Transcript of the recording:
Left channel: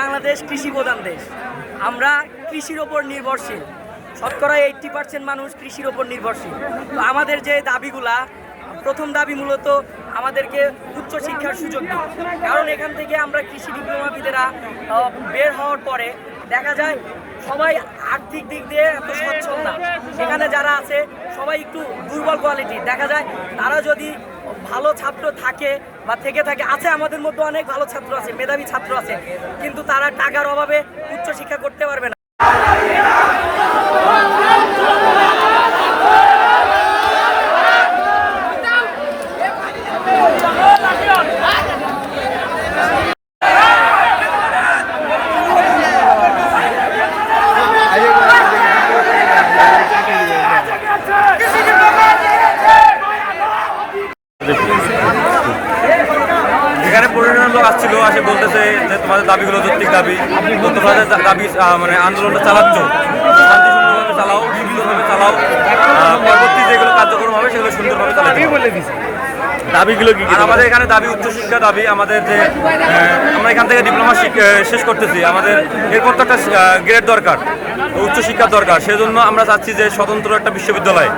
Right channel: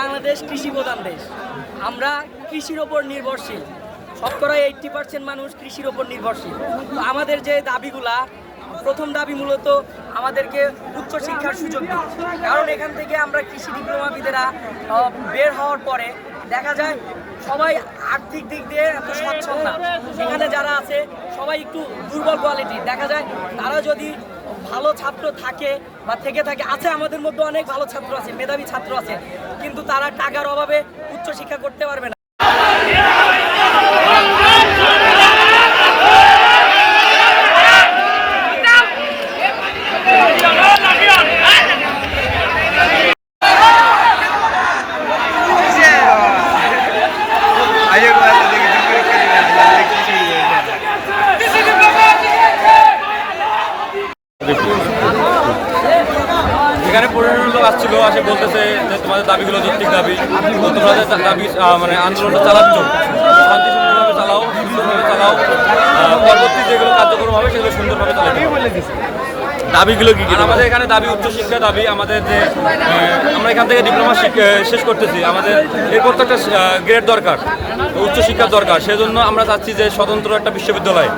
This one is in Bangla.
বাংলাদেশ কৃষি প্রধান দেশ। আমরা কৃষির ওপর নির্ভরশীল, শতকরা 80% মানুষ কৃষির ওপর নির্ভরশীল। তো আমাদের যে দাবিগুলা, প্রথম দাবি মূলত আমাদেরকে উচ্চশিক্ষার সুযোগ দিই, কারণ এখান থেকে আমরা কৃষি ডিপ্লোমাবিদেরা বের হওয়ার পরে দেখা যায় সবাই আর্থিক দিক দিয়ে এত সচ্ছল না। এখানে যারা আছে সবাই একটু দুর্বল কোয়ালিটির দেখা যায়। তারা যদি ভালো ছাত্র থাকে বা থেকে থাকে, আছে আমাদের মধ্যে অনেক ভালো ছাত্র আছে, মেধাবী ছাত্র আছে, কিন্তু তারা টাকার অভাবে উচ্চশিক্ষা করতে পারবে না। এখানে 15 লোক আসছিল, আসে বলতেছে যে তোমাদের দাবিগুলো যৌক্তিক দাবি, তো তোমাদের দাবি মানে আন্দোলনটা চালাচ্ছ, শান্তিপূর্ণভাবে চালাও, সুন্দরভাবে চালাও, পরবর্তী যেগুলো কার্যক্রম হবে সেগুলো সুন্দরভাবে চালাতে হবে। দাবিগুলো কি? আমাদের এখানে দাবি উচ্চশিক্ষা দাবি। আমাদের যে আমরা এখান থেকে ডিপ্লোমা শেষ করতেছি, আমাদের এরপর তো একটা গ্রেড দরকার, উচ্চশিক্ষার দরকার। সেজন্য আমরা চাচ্ছি যে স্বতন্ত্র একটা বিশ্ববিদ্যালয়।